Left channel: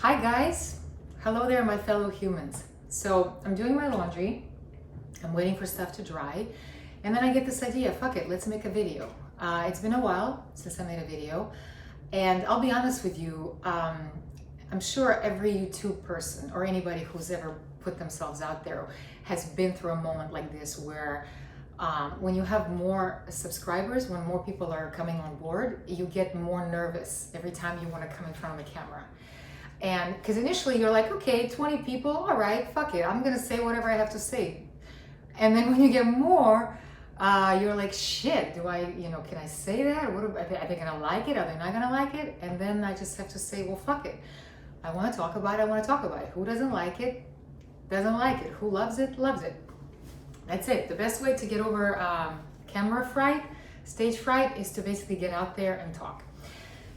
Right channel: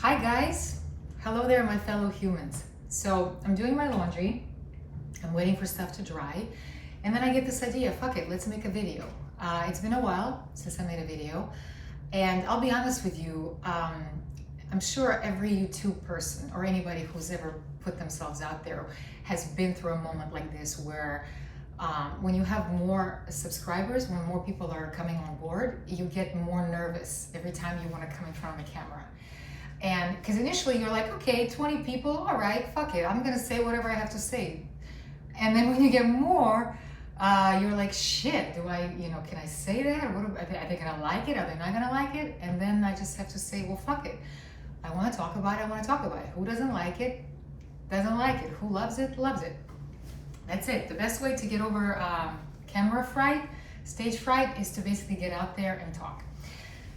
Hi guys, hello there my fellow humans. So I'm doing my laundry, I'm waiting for stuff to dry, and then I get this idea, fuck it, let's make a video. It's been a while since I made a video, and I'll be honest with you, I'm sure every YouTube person or anybody who's ever put themselves out there has been through a moment like this where when you have more subscribers, when more people are coming on board, you get more nervous every time you want to come in front of the camera. And because initially you're like, okay, 20 people, all right, fuck it, I'm gonna say whatever I have to say. And then when you get more, you're like, shit, can I say that? Are they gonna like it? Are they not gonna like it? And then I just have to say, well, fuck it. I wanna talk about it, I wanna talk about it. Who doesn't like it, doesn't like it. Who loves it, loves it. That's it. The best way to get over camera fright, stage fright, is to basically get out there and talk.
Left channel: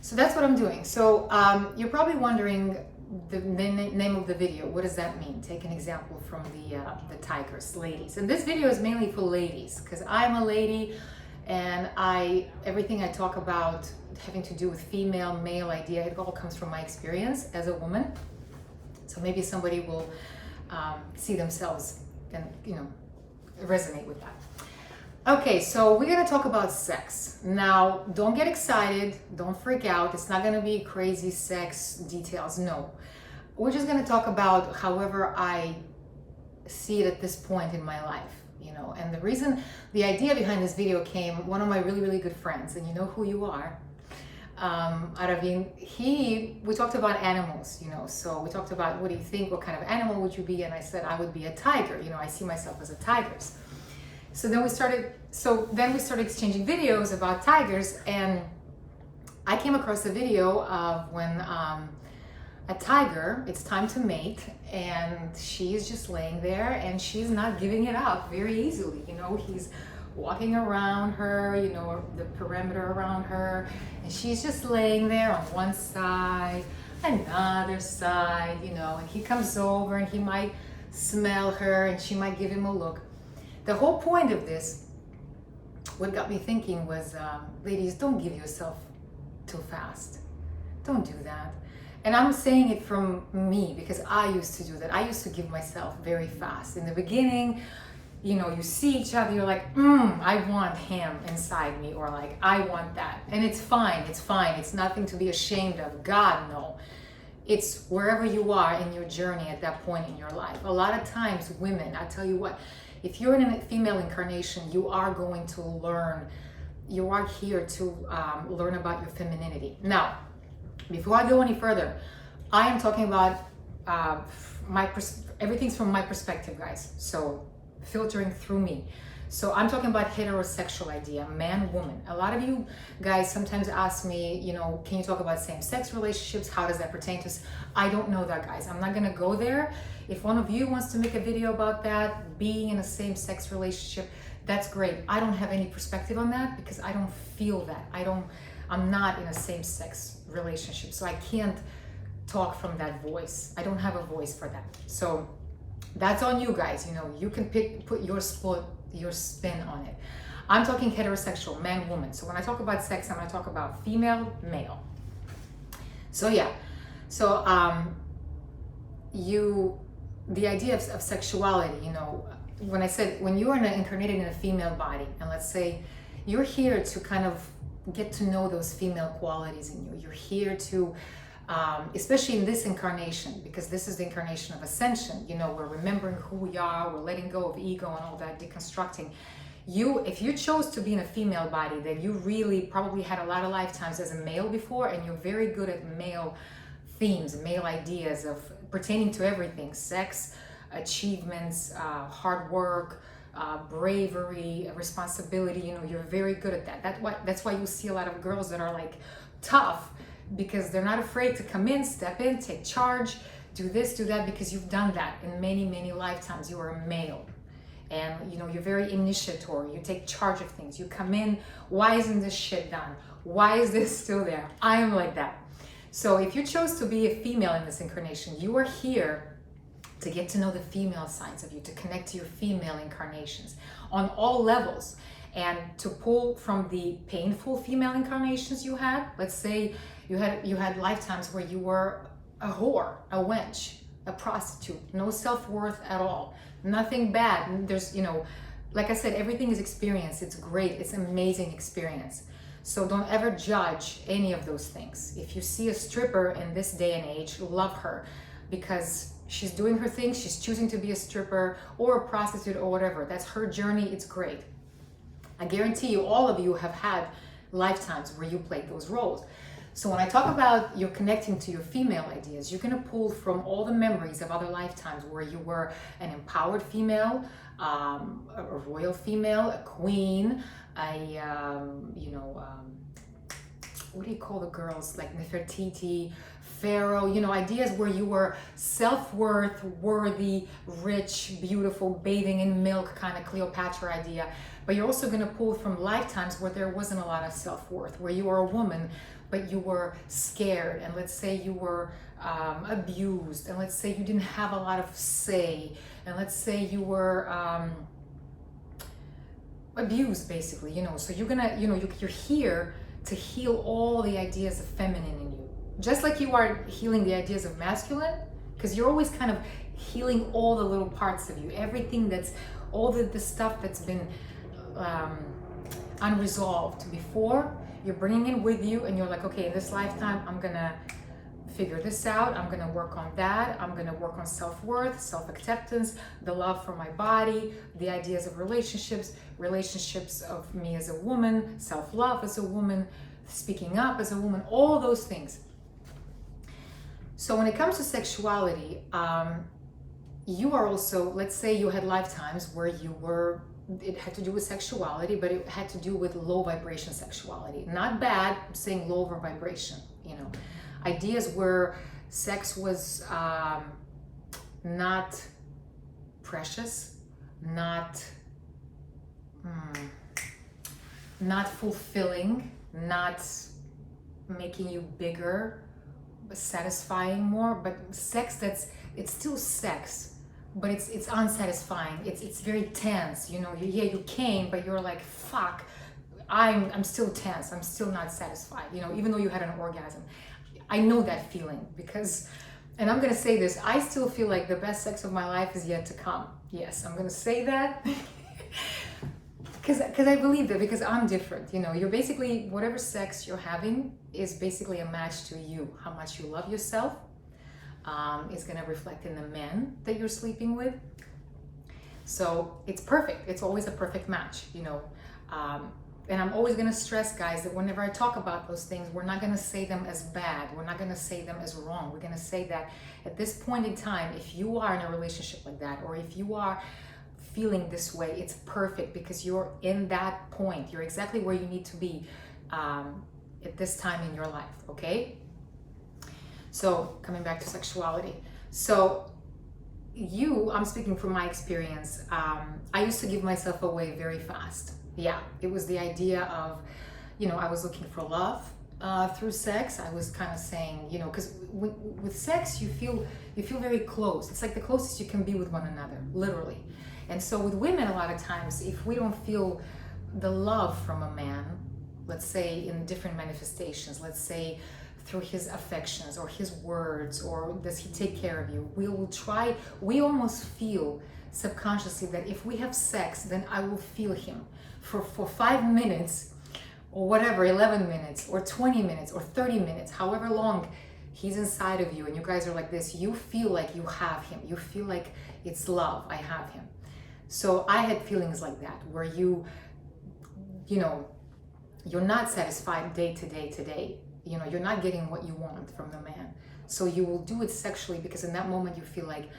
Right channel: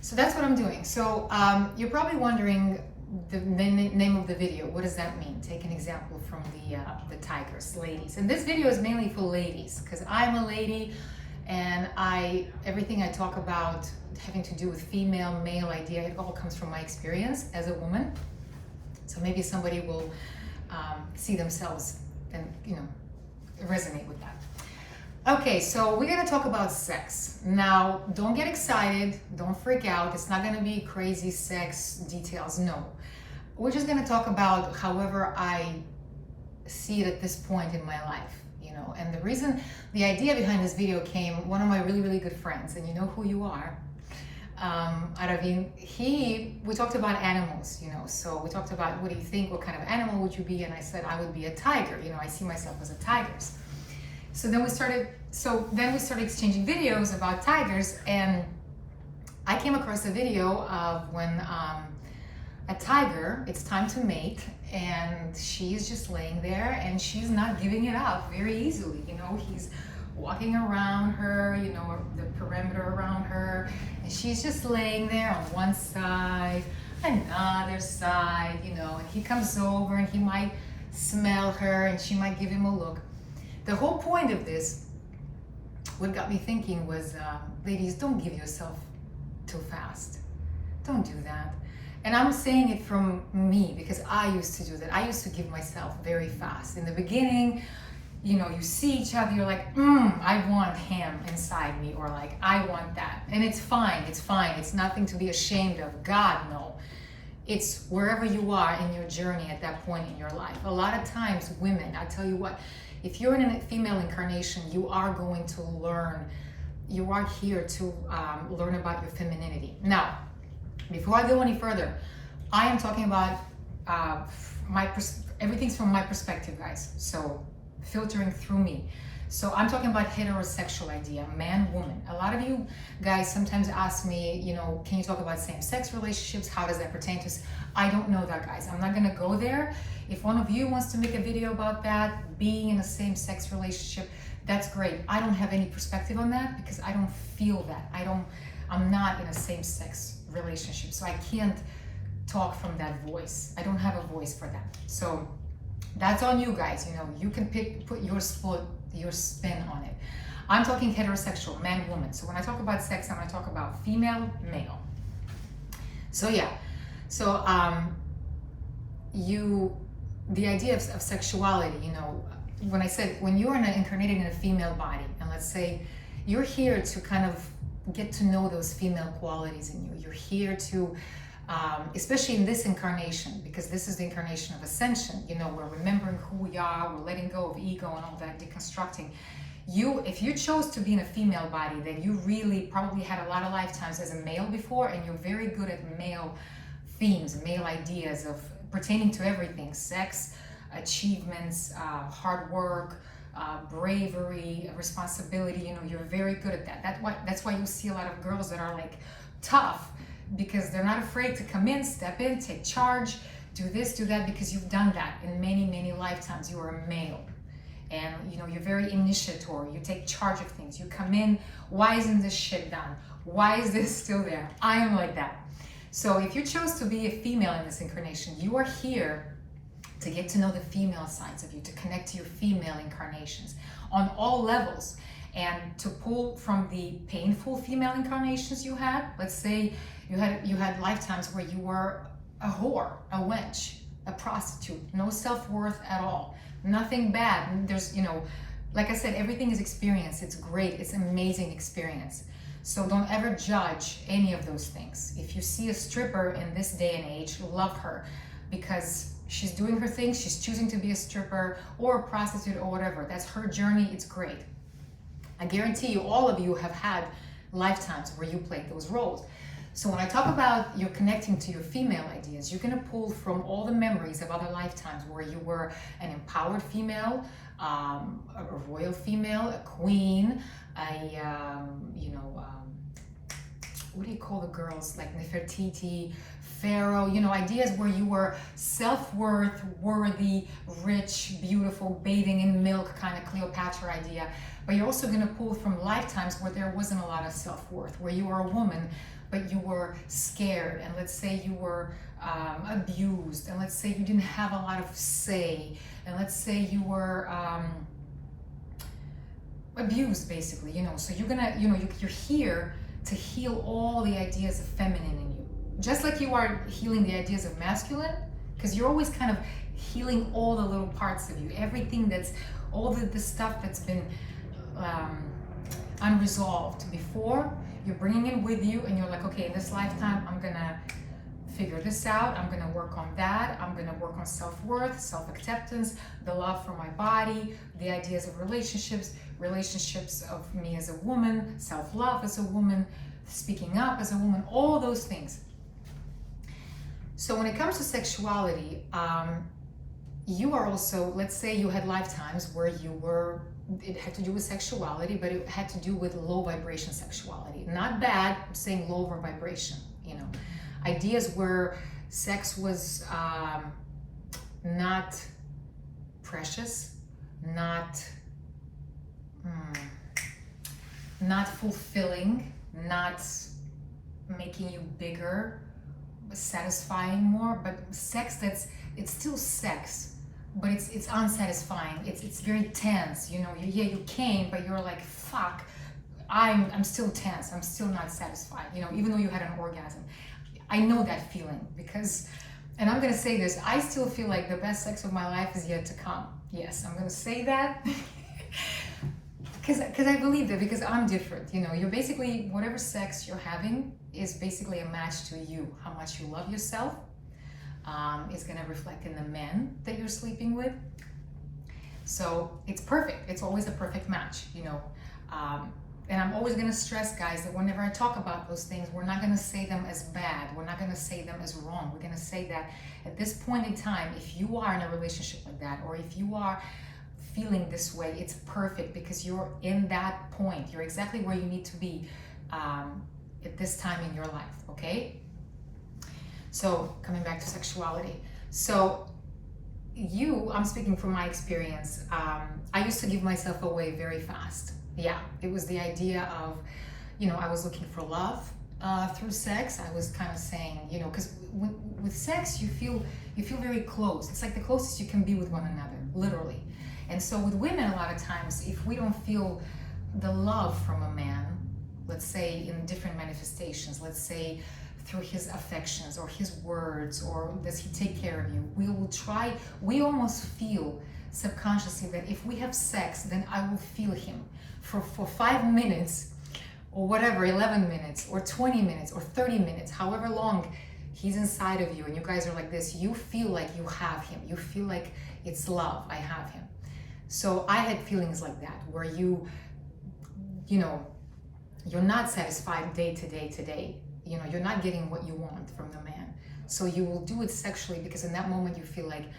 So that's what I'm doing. So you're probably wondering the name of the video. What does that mean? Take an example from the tigress, ladies. And this video is mainly for ladies because I'm a lady, and everything I talk about having to do with female, male idea, it all comes from my experience as a woman. So maybe somebody will see themselves and resonate with that. Okay, so we're gonna talk about sex. Now, don't get excited, don't freak out. It's not gonna be crazy sex details, no. We're just gonna talk about however I see it at this point in my life, And the idea behind this video came, one of my really, really good friends, and you know who you are, Aravin, we talked about animals, so we talked about, what do you think, what kind of animal would you be? And I said, I would be a tiger, I see myself as a tigress. So then we started exchanging videos about tigers, and I came across a video of when a tiger, it's time to mate, and she's just laying there and she's not giving it up very easily. He's walking around her, the perimeter around her, and she's just laying there on one side, another side, and he comes over and he might smell her and she might give him a look. The whole point of this, what got me thinking was, ladies, don't give yourself too fast. Don't do that. And I'm saying it from me because I used to do that. I used to give myself very fast. In the beginning, you see each other, you're like, I want him inside me, or like, I want that. And it's fine, it's fine. It's nothing to be ashamed of. God, no. It's wherever you are in your journey at that point in your life. A lot of times, women, I tell you what, if you're in a female incarnation, you are going to learn, you are here to learn about your femininity. Now, before I go any further, I am talking about everything's from my perspective, guys. So filtering through me. So I'm talking about heterosexual idea, man, woman. A lot of you guys sometimes ask me, can you talk about same-sex relationships? How does that pertain to us? I don't know that, guys. I'm not gonna go there. If one of you wants to make a video about that, being in a same-sex relationship, that's great. I don't have any perspective on that because I don't feel that. I'm not in a same-sex relationship, so I can't talk from that voice. I don't have a voice for that. So that's on you guys. You can put your spin on it. I'm talking heterosexual, man, woman. So when I talk about sex, I'm going to talk about female, male. So yeah, so the idea of sexuality, when you're incarnated in a female body, and let's say you're here to kind of get to know those female qualities in you. You're here to, especially in this incarnation, because this is the incarnation of ascension, we're remembering who we are, we're letting go of ego and all that, deconstructing. If you chose to be in a female body, then you really probably had a lot of lifetimes as a male before, and you're very good at male themes, male ideas of pertaining to everything, sex, achievements, hard work, bravery, responsibility. You're very good at that. That's why you see a lot of girls that are like tough, because they're not afraid to come in, step in, take charge, do this, do that, because you've done that in many, many lifetimes. You are a male, and you're very initiatory. You take charge of things. You come in, why isn't this shit done? Why is this still there? I am like that. So if you chose to be a female in this incarnation, you are here to get to know the female sides of you, to connect to your female incarnations on all levels, and to pull from the painful female incarnations you had. Let's say you had lifetimes where you were a whore, a wench, a prostitute, no self-worth at all, nothing bad. There's, you know, like I said, everything is experience. It's great. It's amazing experience. So don't ever judge any of those things. If you see a stripper in this day and age, love her because she's doing her thing. She's choosing to be a stripper or a prostitute or whatever. That's her journey. It's great. I guarantee you, all of you have had lifetimes where you played those roles. So when I talk about you're connecting to your female ideas, you're going to pull from all the memories of other lifetimes where you were an empowered female, a royal female, a queen, what do you call the girls, like Nefertiti, Pharaoh, you know, ideas where you were self-worth, worthy, rich, beautiful, bathing in milk, kind of Cleopatra idea. But you're also going to pull from lifetimes where there wasn't a lot of self-worth, where you were a woman, but you were scared, and let's say you were abused, and let's say you didn't have a lot of say, and let's say you were abused, basically, you know. So you're gonna, you know, you're here to heal all the ideas of feminine in you, just like you are healing the ideas of masculine, because you're always kind of healing all the little parts of you, everything that's, all the stuff that's been unresolved before. You're bringing it with you, and you're like, okay, in this lifetime, I'm gonna figure this out. I'm gonna work on that. I'm gonna work on self-worth, self-acceptance, the love for my body, the ideas of relationships of me as a woman, self-love as a woman, speaking up as a woman, all those things. So when it comes to sexuality, you are also, let's say you had lifetimes where you were, it had to do with sexuality, but it had to do with low vibration sexuality. Not bad, I'm saying lower vibration, you know. Ideas where sex was not precious, not fulfilling, not making you bigger, satisfying more, but sex it's still sex, but it's unsatisfying. It's very tense, you know. You came, but you're like, fuck, I'm still tense. I'm still not satisfied, you know, even though you had an orgasm. I know that feeling because, and I'm gonna say this, I still feel like the best sex of my life is yet to come. Yes, I'm gonna say that because I believe that, because I'm different. You know, you're basically, whatever sex you're having is basically a match to you, how much you love yourself. Is going to reflect in the men that you're sleeping with. So it's perfect. It's always a perfect match, you know. And I'm always going to stress, guys, that whenever I talk about those things, we're not going to say them as bad. We're not going to say them as wrong. We're going to say that at this point in time, if you are in a relationship like that, or if you are feeling this way, it's perfect, because you're in that point. You're exactly where you need to be at this time in your life, okay? So coming back to sexuality. So I'm speaking from my experience. I used to give myself away very fast. Yeah, it was the idea of, you know, I was looking for love through sex. I was kind of saying, you know, because with sex, you feel very close. It's like the closest you can be with one another, literally. And so with women, a lot of times, if we don't feel the love from a man, let's say in different manifestations, let's say through his affections or his words, or does he take care of you, we almost feel subconsciously that if we have sex, then I will feel him for 5 minutes or whatever, 11 minutes or 20 minutes or 30 minutes, however long he's inside of you and you guys are like this, you feel like you have him. You feel like it's love, I have him. So I had feelings like that where you know, you're not satisfied day to day to day. You know, you're not getting what you want from the man. So you will do it sexually because in that moment you feel like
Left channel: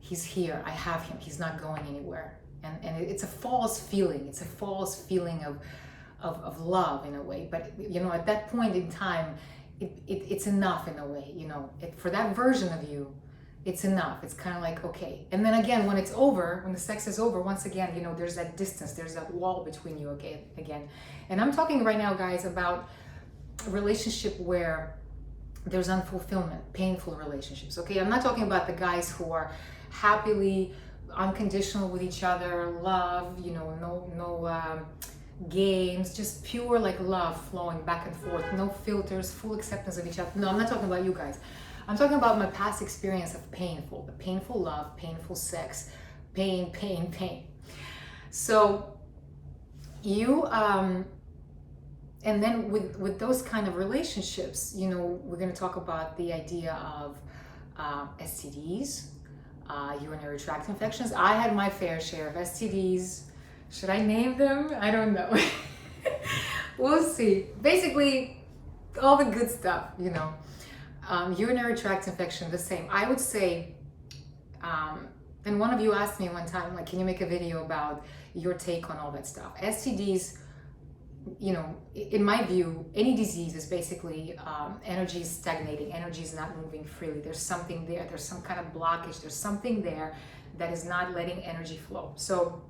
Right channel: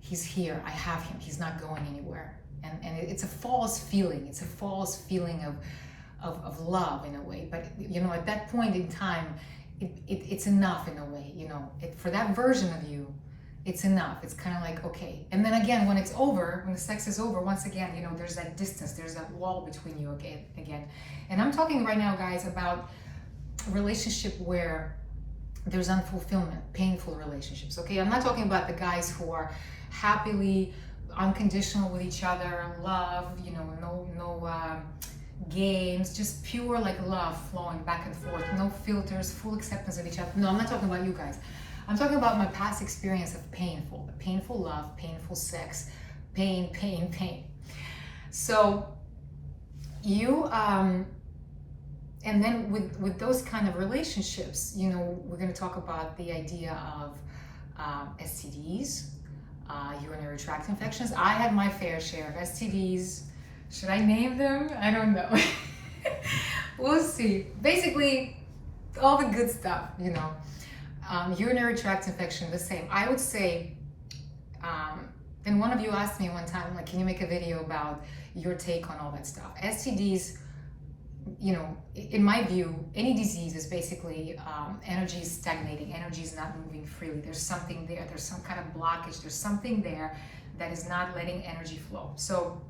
he's here, I have him, he's not going anywhere. And it's a false feeling. It's a false feeling of love in a way. But, you know, at that point in time, it's enough in a way, you know. For that version of you, it's enough. It's kind of like, okay. And then again, when it's over, when the sex is over, once again, you know, there's that distance, there's that wall between you again. And I'm talking right now, guys, about a relationship where there's unfulfillment, painful relationships, okay? I'm not talking about the guys who are happily unconditional with each other, love, you know, no games, just pure like love flowing back and forth, no filters, full acceptance of each other. No, I'm not talking about you guys. I'm talking about my past experience of painful love, painful sex, pain, pain, pain. So you, and then with those kind of relationships, you know, we're going to talk about the idea of STDs, urinary tract infections. I had my fair share of STDs. Should I name them? I don't know. We'll see. Basically, all the good stuff, you know. Urinary tract infection, the same. I would say, and one of you asked me one time, like, can you make a video about your take on all that stuff? STDs, you know, in my view, any disease is basically energy is stagnating, energy is not moving freely. There's something there, there's some kind of blockage, there's something there that is not letting energy flow. So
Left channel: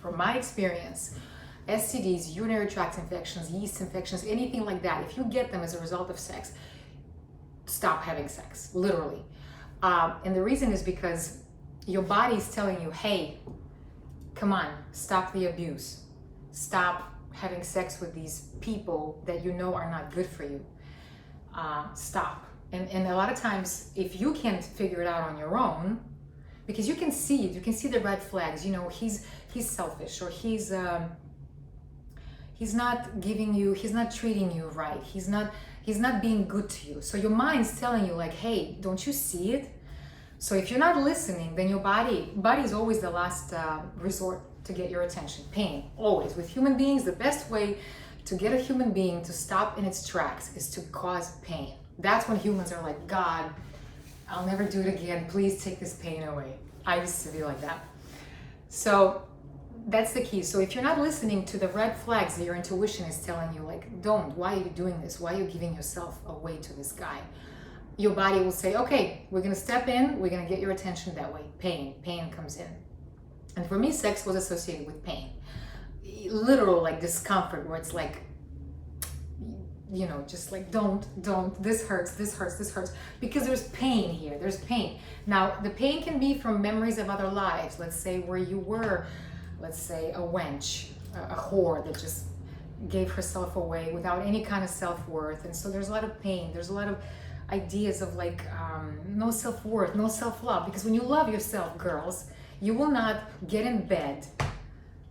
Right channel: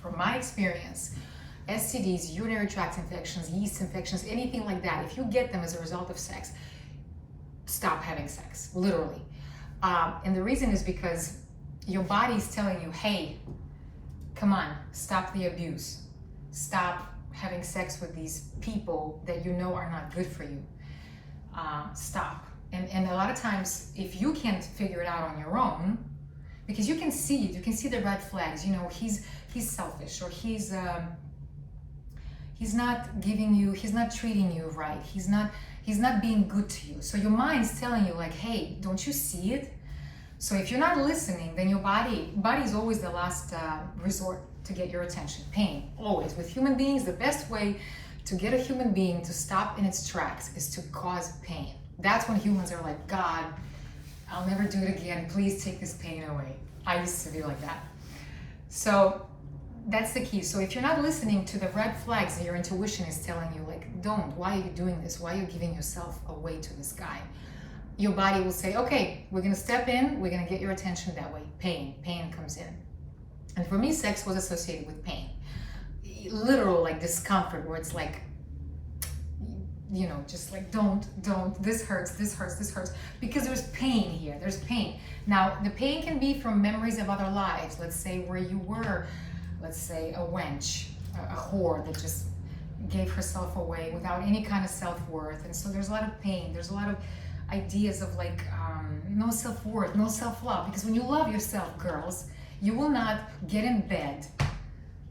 from my experience, STDs, urinary tract infections, yeast infections, anything like that, if you get them as a result of sex, stop having sex, literally. And the reason is because your body is telling you, hey, come on, stop the abuse. Stop having sex with these people that you know are not good for you. Stop. And a lot of times, if you can't figure it out on your own, because you can see it, you can see the red flags, you know, he's selfish, or he's not giving you, he's not treating you right, he's not being good to you. So your mind's telling you like, hey, don't you see it? So if you're not listening, then your body is always the last resort to get your attention. Pain, always. With human beings, the best way to get a human being to stop in its tracks is to cause pain. That's when humans are like, God, I'll never do it again. Please take this pain away. I used to be like that. So that's the key. So if you're not listening to the red flags that your intuition is telling you, like, don't, why are you doing this? Why are you giving yourself away to this guy? Your body will say, okay, we're going to step in. We're going to get your attention that way. Pain comes in. And for me, sex was associated with pain. Literal, like, discomfort, where it's like, you know, just like, don't, this hurts, because there's pain here, there's pain. Now, the pain can be from memories of other lives, let's say where you were, let's say a wench, a whore that just gave herself away without any kind of self-worth. And so there's a lot of pain, there's a lot of ideas of like, no self-worth, no self-love, because when you love yourself, girls, you will not get in bed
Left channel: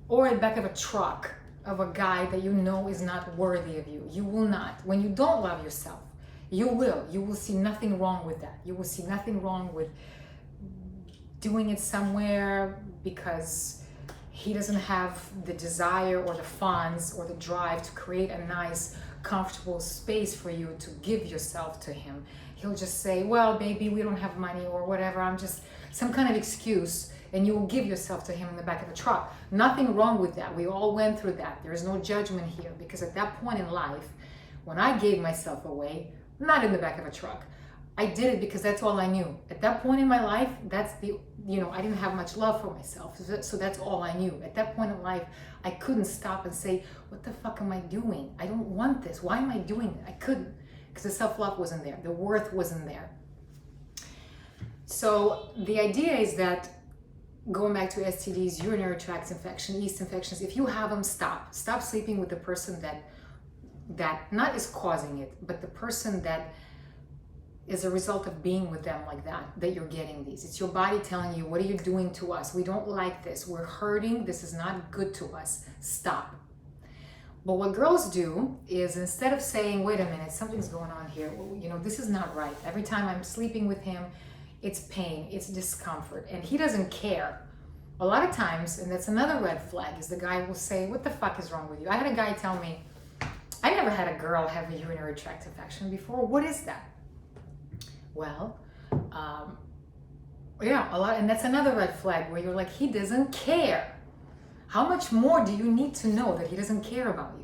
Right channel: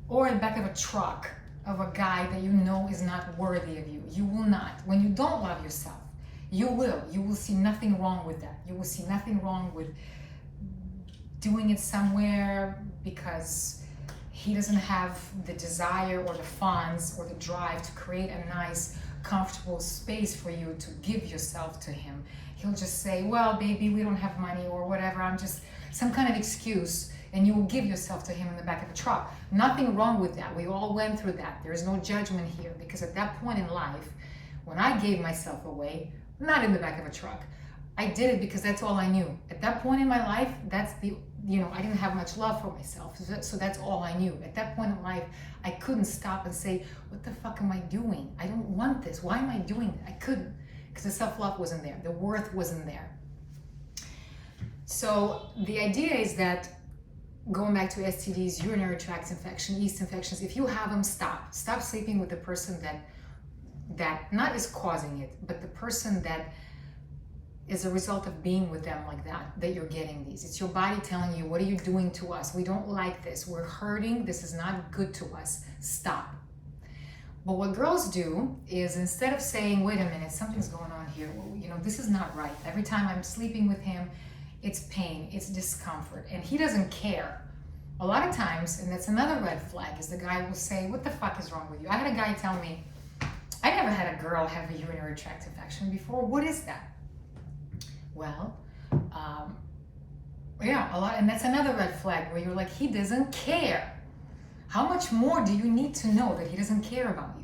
or in the back of a truck of a guy that you know is not worthy of you. You will not. When you don't love yourself, you will see nothing wrong with that. You will see nothing wrong with doing it somewhere because he doesn't have the desire or the funds or the drive to create a nice, comfortable space for you to give yourself to him. He'll just say, well, baby, we don't have money or whatever. I'm just some kind of excuse. And you will give yourself to him in the back of a truck. Nothing wrong with that. We all went through that. There is no judgment here, because at that point in life, when I gave myself away, not in the back of a truck, I did it because that's all I knew. At that point in my life, that's the, you know, I didn't have much love for myself. So that's all I knew. At that point in life, I couldn't stop and say, what the fuck am I doing? I don't want this. Why am I doing it? I couldn't, because the self-love wasn't there. The worth wasn't there. So the idea is that, going back to STDs, urinary tract infection, yeast infections, if you have them, stop sleeping with the person that not is causing it, but the person that is a result of being with them like that you're getting these. It's your body telling you, what are you doing to us? We don't like this. We're hurting. This is not good to us. Stop. But what girls do is, instead of saying, wait a minute, something's going on here. You know, this is not right. Every time I'm sleeping with him, it's pain, it's discomfort, and he doesn't care. A lot of times, and that's another red flag, is the guy will say, what the fuck is wrong with you? I had a guy tell me, I never had a girl have a urinary tract infection before. What is that? Well, yeah, a lot, and that's another red flag where you're like, he doesn't care. How much more do you need to know that he doesn't care about you?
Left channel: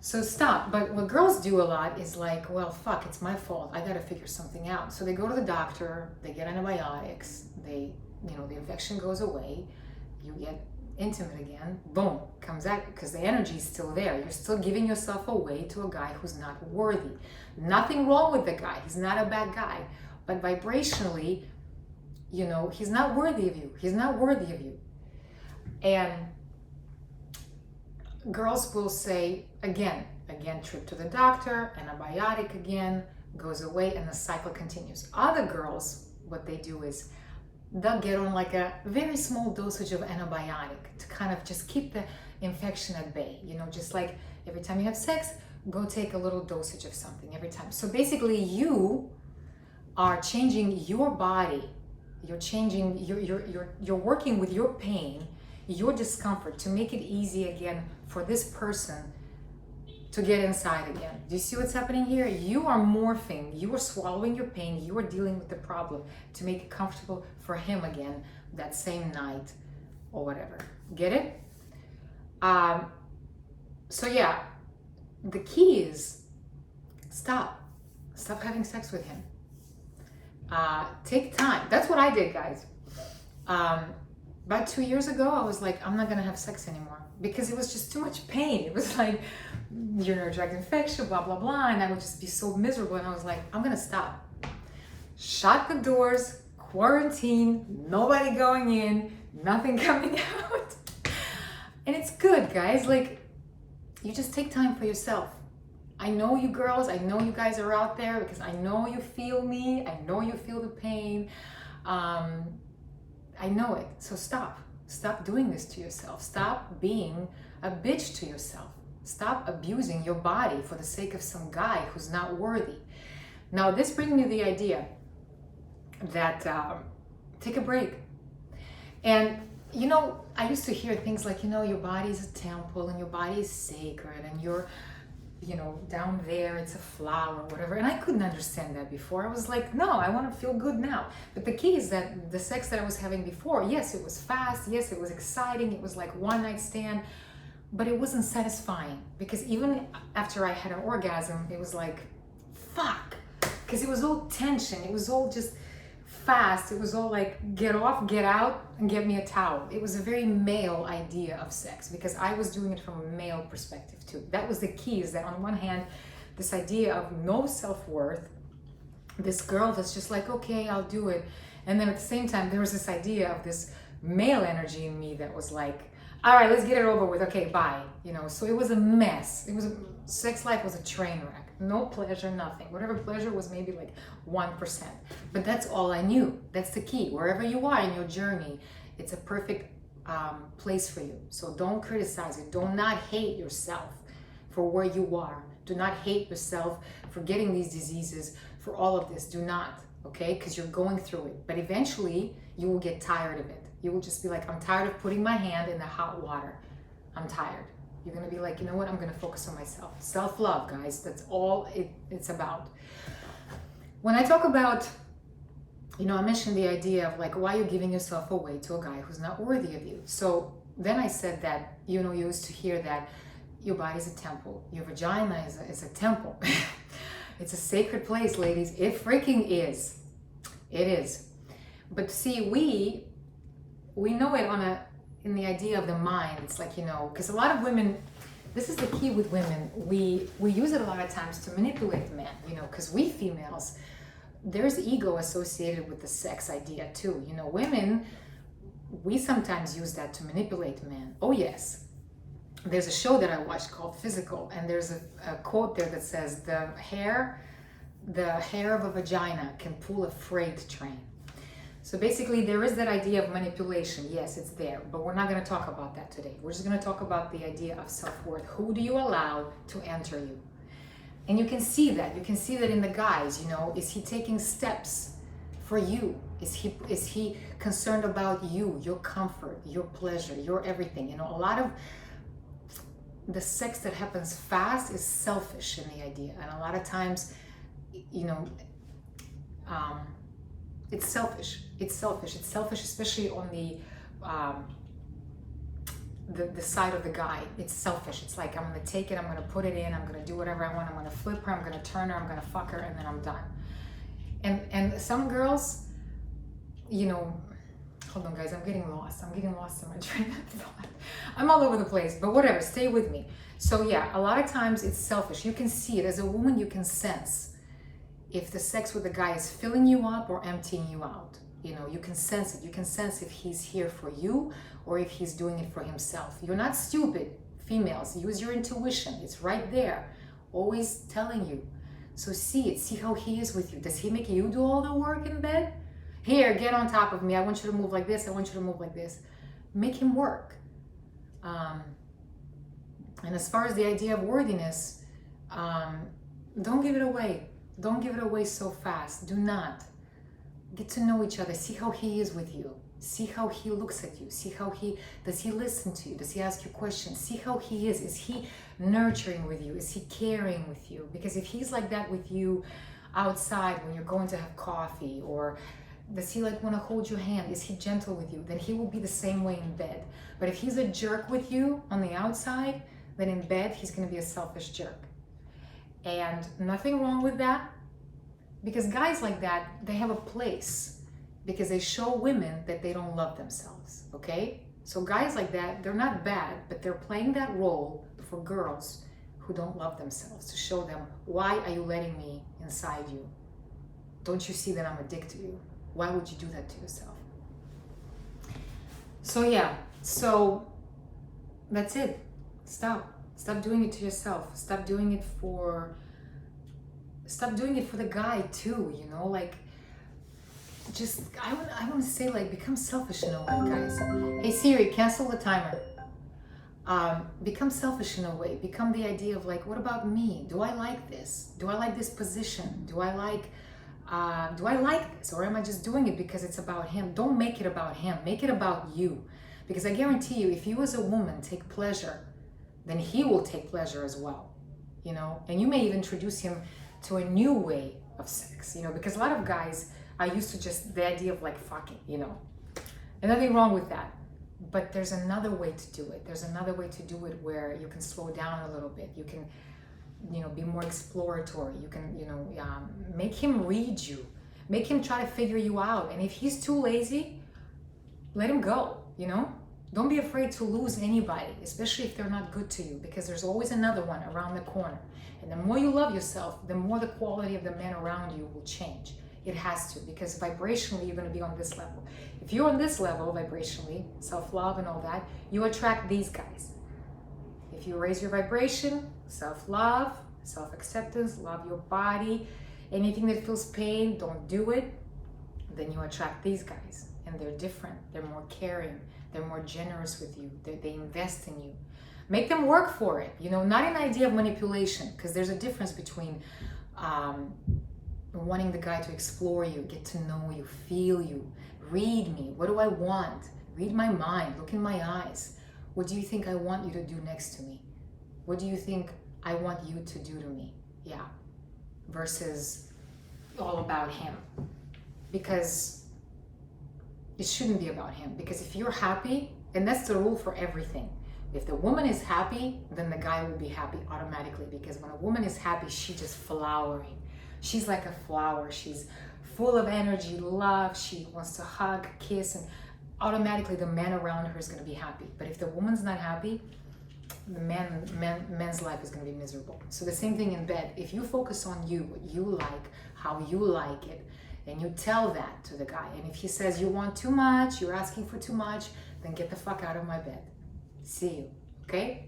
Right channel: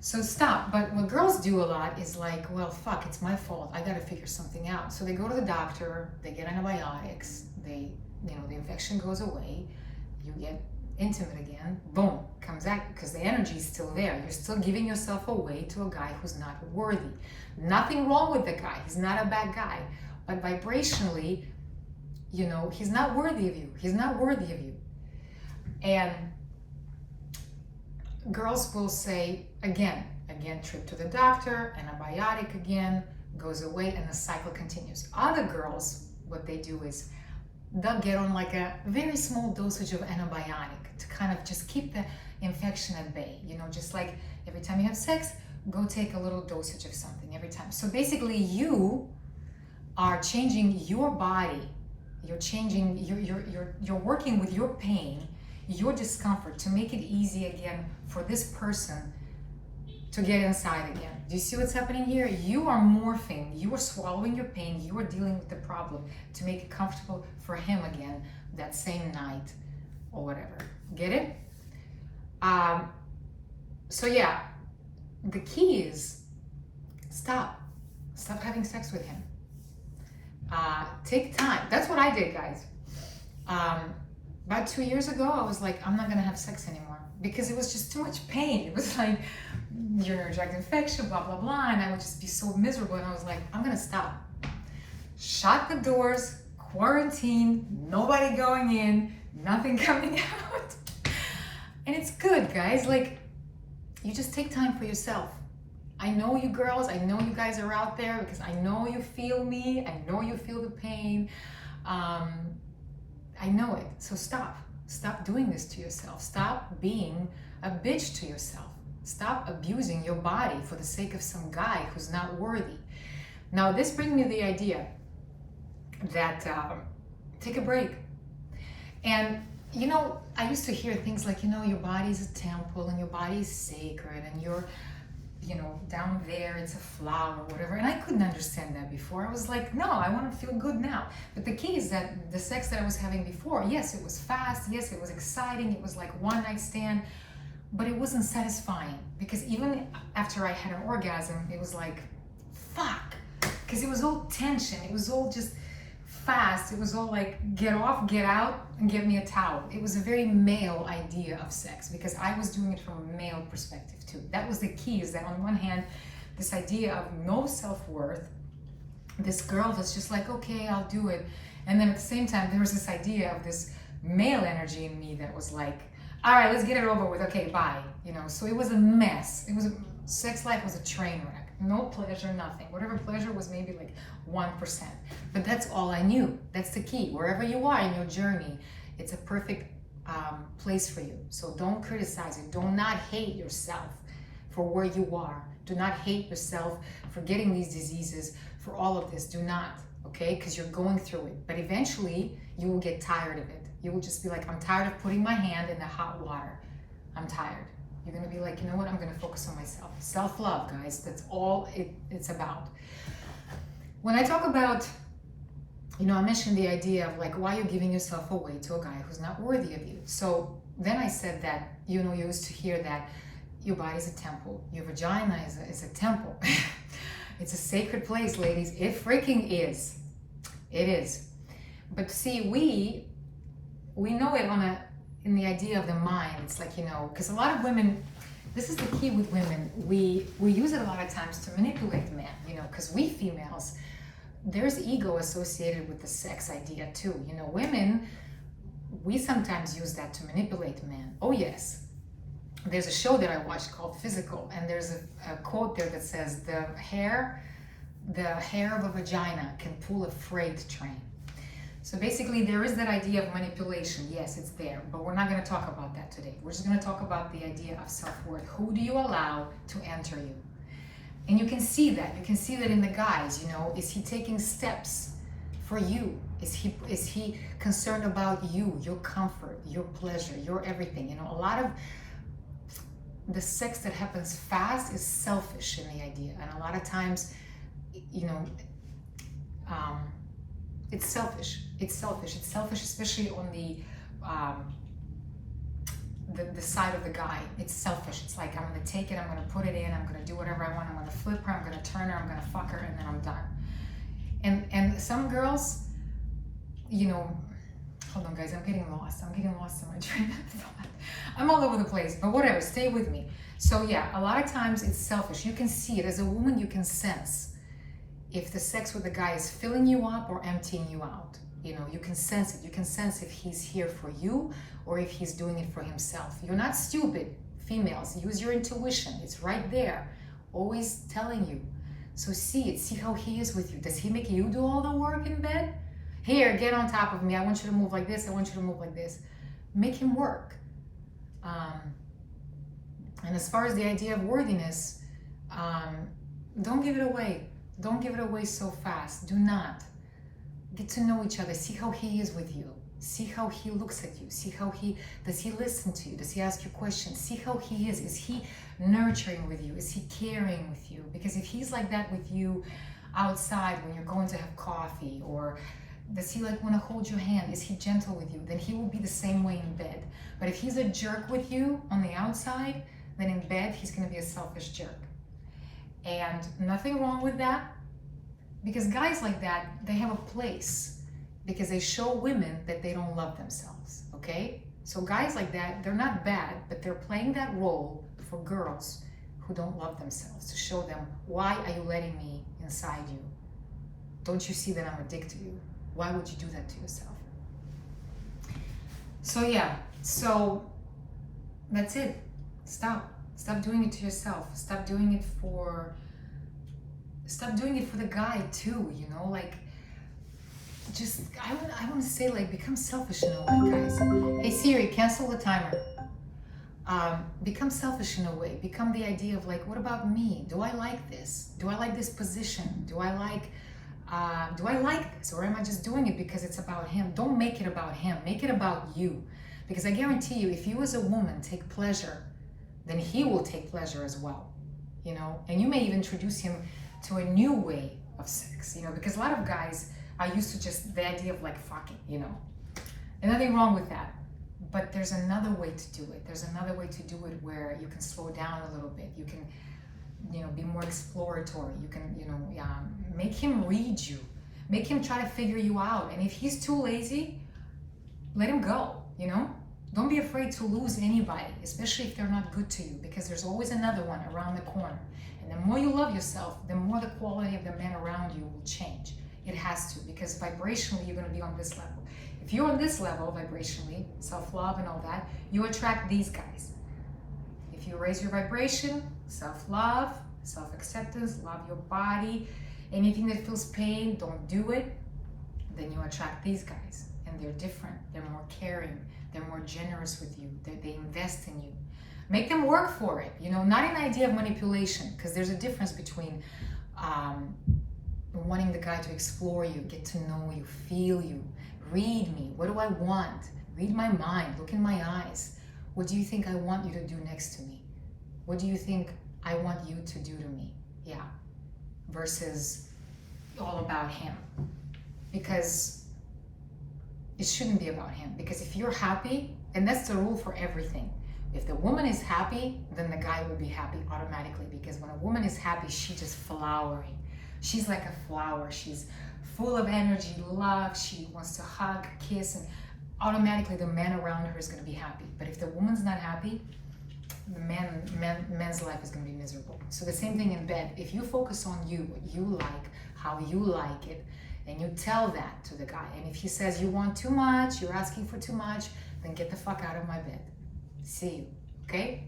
So stop. But what girls do a lot is like, well, fuck, it's my fault. I gotta figure something out. So they go to the doctor, they get antibiotics, they, you know, the infection goes away, you get intimate again, boom, comes out, because the energy is still there. You're still giving yourself away to a guy who's not worthy. Nothing wrong with the guy. He's not a bad guy. But vibrationally, you know, he's not worthy of you. He's not worthy of you. And girls will say, again, trip to the doctor, antibiotic again, goes away, and the cycle continues. Other girls, what they do is they'll get on like a very small dosage of antibiotic to kind of just keep the infection at bay. You know, just like every time you have sex, go take a little dosage of something every time. So basically you are changing your body. You're changing, you're working with your pain, your discomfort to make it easy again for this person to get inside again. Do you see what's happening here? You are morphing, you are swallowing your pain, you are dealing with the problem to make it comfortable for him again that same night or whatever. Get it? So yeah, the key is stop having sex with him. Take time. That's what I did, guys. About 2 years ago, I was like, I'm not gonna have sex anymore because it was just too much pain. It was like urinary tract infection, blah, blah, blah. And I would just be so miserable. And I was like, I'm gonna stop. Shut the doors, quarantine, nobody going in, nothing coming out. And it's good, guys. Like, you just take time for yourself. I know you girls, I know you guys are out there because I know you feel me. I know you feel the pain. I know it. So stop. Stop doing this to yourself. Stop being a bitch to yourself. Stop abusing your body for the sake of some guy who's not worthy. Now, this brings me the idea that take a break. And, you know, I used to hear things like, you know, your body's a temple and your body is sacred and you're, you know, down there, it's a flower, whatever. And I couldn't understand that before. I was like, no, I want to feel good now. But the key is that the sex that I was having before, yes, it was fast. Yes, it was exciting. It was like one night stand, but it wasn't satisfying because even after I had an orgasm, it was like, fuck, because it was all tension. It was all just fast. It was all like, get off, get out, and get me a towel. It was a very male idea of sex because I was doing it from a male perspective too. That was the key, is that on one hand, this idea of no self-worth, this girl that's just like, okay, I'll do it. And then at the same time, there was this idea of this male energy in me that was like, all right, let's get it over with. Okay, bye. You know, so it was a mess. Sex life was a train wreck. No pleasure, nothing. Whatever pleasure was maybe like 1%. But that's all I knew. That's the key. Wherever you are in your journey, it's a perfect place for you. So don't criticize it. Do not hate yourself for where you are. Do not hate yourself for getting these diseases, for all of this. Do not, okay? Because you're going through it. But eventually, you will get tired of it. You will just be like, I'm tired of putting my hand in the hot water. I'm tired. You're gonna be like, you know what? I'm gonna focus on myself. Self-love, guys. That's all it's about. When I talk about, you know, I mentioned the idea of like, why you're giving yourself away to a guy who's not worthy of you. So then I said that, you know, you used to hear that your body is a temple. Your vagina is a temple. It's a sacred place, ladies. It freaking is. It is. But see, we know it in the idea of the mind. It's like, you know, because a lot of women, this is the key with women, we use it a lot of times to manipulate men, you know, because we females, there's ego associated with the sex idea too. You know, women, we sometimes use that to manipulate men. Oh yes. There's a show that I watched called Physical, and there's a quote there that says, the hair of a vagina can pull a freight train. So basically, there is that idea of manipulation. Yes, it's there, but we're not going to talk about that today. We're just going to talk about the idea of self-worth. Who do you allow to enter you? And you can see that. You can see that in the guys, you know, is he taking steps for you? Is he concerned about you, your comfort, your pleasure, your everything? You know, a lot of the sex that happens fast is selfish in the idea. And a lot of times, you know, it's selfish. It's selfish, especially on the side of the guy. It's selfish. It's like, I'm gonna take it, I'm gonna put it in, I'm gonna do whatever I want, I'm gonna flip her, I'm gonna turn her, I'm gonna fuck her, and then I'm done. And some girls, you know, hold on guys, I'm getting lost in my train of thought. I'm all over the place, but whatever, stay with me. So yeah, a lot of times it's selfish. You can see it. As a woman, you can sense if the sex with the guy is filling you up or emptying you out. You know, you can sense it. You can sense if he's here for you or if he's doing it for himself. You're not stupid, females. Use your intuition. It's right there, always telling you So see it, see how he is with you. Does he make you do all the work in bed? Here, get on top of me. I want you to move like this. I want you to move like this. Make him work. And as far as the idea of worthiness, don't give it away. Don't give it away so fast. Do not. Get to know each other. See how he is with you. See how he looks at you. See how does he listen to you? Does he ask you questions? See how he is. Is he nurturing with you? Is he caring with you? Because if he's like that with you outside when you're going to have coffee, or does he like want to hold your hand? Is he gentle with you? Then he will be the same way in bed. But if he's a jerk with you on the outside, then in bed he's going to be a selfish jerk. And nothing wrong with that, because guys like that, they have a place, because they show women that they don't love themselves, okay? So guys like that, they're not bad, but they're playing that role for girls who don't love themselves, to show them, why are you letting me inside you? Don't you see that I'm addicted to you? Why would you do that to yourself? So yeah, so that's it. Stop doing it to yourself. Stop doing it for the guy too, you know, like, just, I want to say, like, become selfish in a way, guys. Hey Siri, cancel the timer. Become selfish in a way. Become the idea of, like, what about me? Do I like this? Do I like this position? Do I like this? Or am I just doing it because it's about him? Don't make it about him. Make it about you. Because I guarantee you, if you as a woman take pleasure, then he will take pleasure as well, you know? And you may even introduce him to a new way of sex, you know? Because a lot of guys are used to just the idea of, like, fuck it, you know? And nothing wrong with that. But there's another way to do it. There's another way to do it where you can slow down a little bit. You can, you know, be more exploratory. You can, you know, make him read you. Make him try to figure you out. And if he's too lazy, let him go, you know? Don't be afraid to lose anybody, especially if they're not good to you, because there's always another one around the corner. And the more you love yourself, the more the quality of the men around you will change. It has to, because vibrationally, you're going to be on this level. If you're on this level vibrationally, self-love and all that, you attract these guys. If you raise your vibration, self-love, self-acceptance, love your body, anything that feels pain, don't do it, then you attract these guys. And they're different. They're more caring. They're more generous with you. They invest in you. Make them work for it. You know, not an idea of manipulation, because there's a difference between wanting the guy to explore you, get to know you, feel you, read me. What do I want? Read my mind. Look in my eyes. What do you think I want you to do next to me? What do you think I want you to do to me? Yeah. Versus all about him. Because it shouldn't be about him. Because if you're happy, and that's the rule for everything. If the woman is happy, then the guy will be happy automatically. Because when a woman is happy, she's just flowering. She's like a flower. She's full of energy, love. She wants to hug, kiss, and automatically the man around her is going to be happy. But if the woman's not happy, the man's life is going to be miserable. So the same thing in bed. If you focus on you, what you like, how you like it, and you tell that to the guy. And if he says you want too much, you're asking for too much, then get the fuck out of my bed. See you, okay?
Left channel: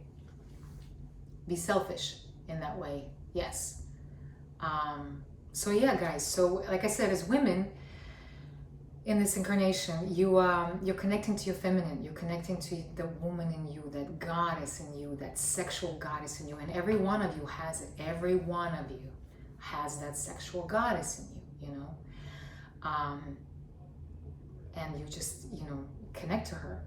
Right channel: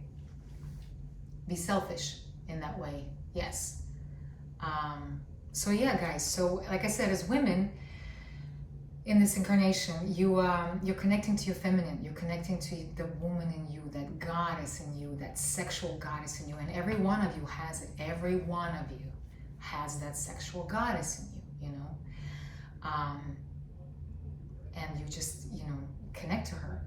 Be selfish in that way, yes. So yeah, guys, so like I said, as women in this incarnation, you're connecting to your feminine, you're connecting to the woman in you, that goddess in you, that sexual goddess in you, and every one of you has it. Every one of you has that sexual goddess in you, you know? And you just, you know, connect to her.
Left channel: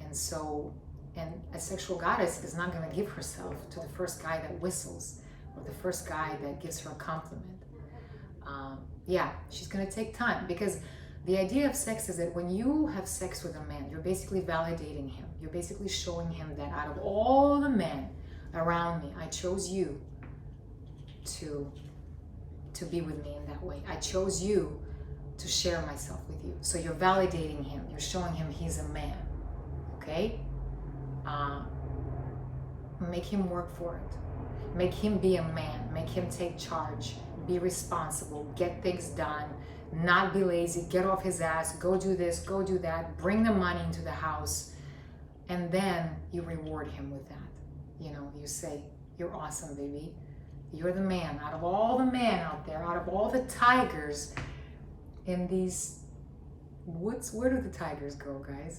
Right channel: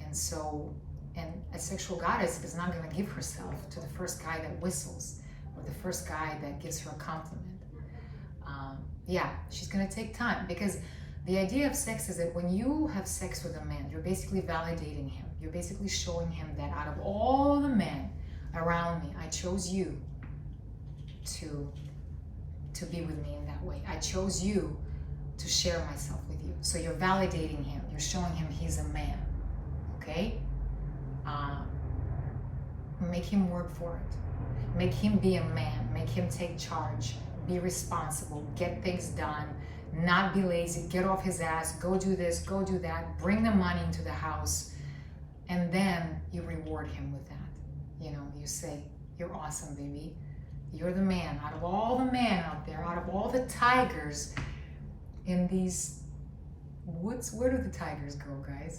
And so, and a sexual goddess is not going to give herself to the first guy that whistles, or the first guy that gives her a compliment. Yeah, she's going to take time, because the idea of sex is that when you have sex with a man, you're basically validating him. You're basically showing him that out of all the men around me, I chose you to be with me in that way. I chose you to share myself with you. So you're validating him. You're showing him he's a man. Okay? Make him work for it. Make him be a man. Make him take charge. Be responsible. Get things done. Not be lazy. Get off his ass. Go do this. Go do that. Bring the money into the house. And then you reward him with that. You know, you say, you're awesome, baby. You're the man. Out of all the men out there, out of all the tigers in these woods, where do the tigers go, guys?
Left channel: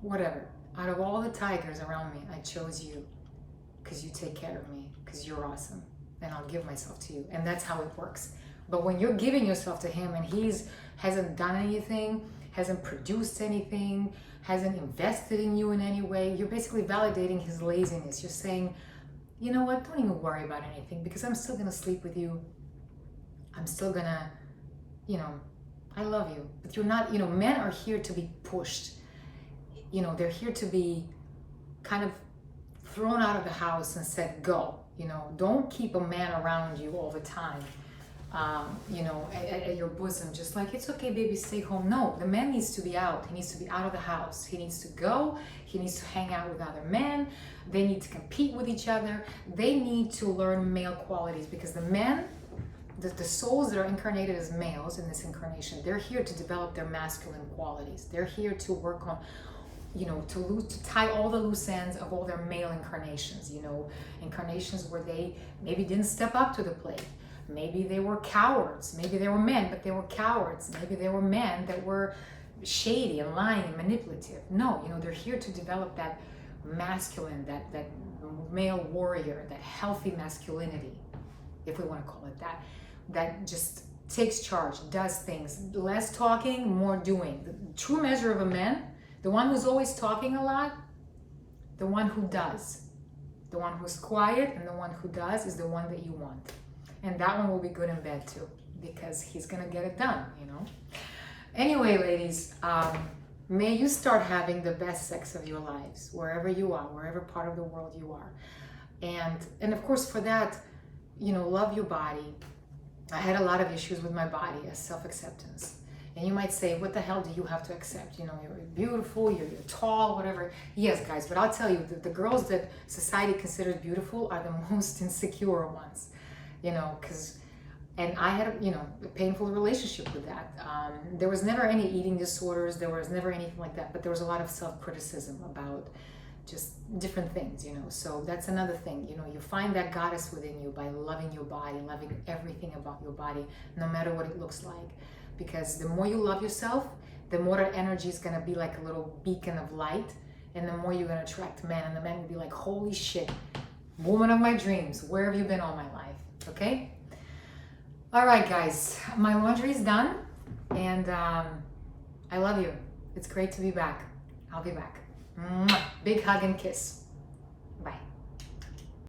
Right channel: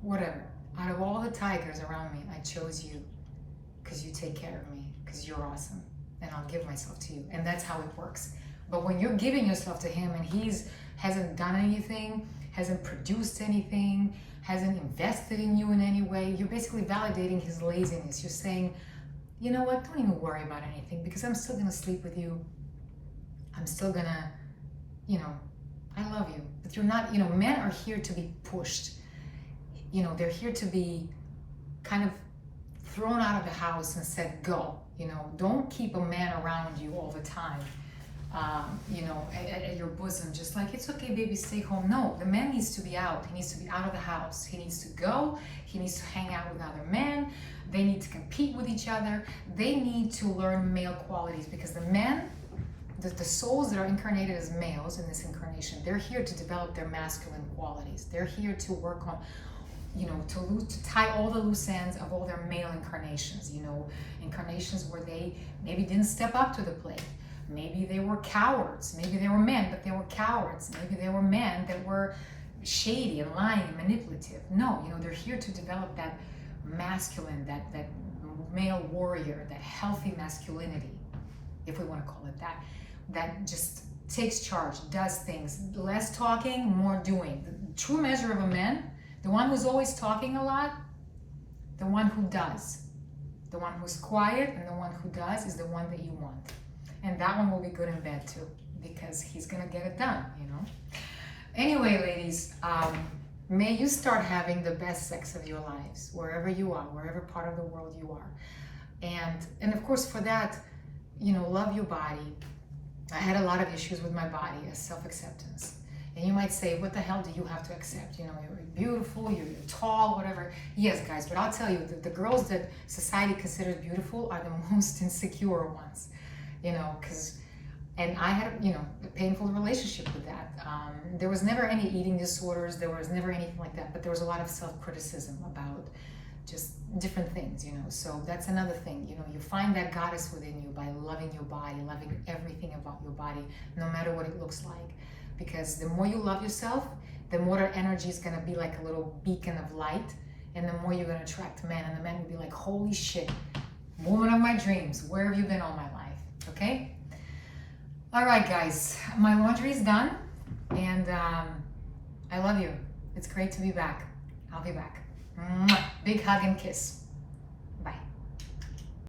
Whatever. Out of all the tigers around me, I chose you because you take care of me, because you're awesome, and I'll give myself to you. And that's how it works. But when you're giving yourself to him and hasn't done anything, hasn't produced anything, hasn't invested in you in any way, you're basically validating his laziness. You're saying, you know what, don't even worry about anything because I'm still gonna sleep with you. I'm still gonna, I love you. But you're not, men are here to be pushed. They're here to be kind of thrown out of the house and said, go. Don't keep a man around you all the time, at your bosom, just like, it's okay, baby, stay home. No, the man needs to be out. He needs to be out of the house. He needs to go. He needs to hang out with other men. They need to compete with each other. They need to learn male qualities because the men, the souls that are incarnated as males in this incarnation, they're here to develop their masculine qualities. They're here to work on, to tie all the loose ends of all their male incarnations, incarnations where they maybe didn't step up to the plate. Maybe they were cowards. Maybe they were men, but they were cowards. Maybe they were men that were shady and lying and manipulative. No, they're here to develop that masculine, that male warrior, that healthy masculinity, if we want to call it that just takes charge, does things, less talking, more doing. The true measure of a man, the one who's always talking a lot, the one who does. The one who's quiet and the one who does is the one that you want. And that one will be good in bed too, because he's gonna get it done, Anyway, ladies, may you start having the best sex of your lives, wherever you are, wherever part of the world you are. And of course for that, love your body. I had a lot of issues with my body as self-acceptance. And you might say, what the hell do you have to accept? You're beautiful, you're tall, whatever. Yes, guys, but I'll tell you, the girls that society considers beautiful are the most insecure ones, and I had, a painful relationship with that. There was never any eating disorders, there was never anything like that, but there was a lot of self-criticism about just different things, so that's another thing, you find that goddess within you by loving your body, loving everything about your body, no matter what it looks like. Because the more you love yourself, the more that energy is going to be like a little beacon of light, and the more you're going to attract men, and the men will be like, holy shit, woman of my dreams, where have you been all my life? Okay? All right, guys, my laundry is done, and I love you. It's great to be back. I'll be back. Mwah. Big hug and kiss.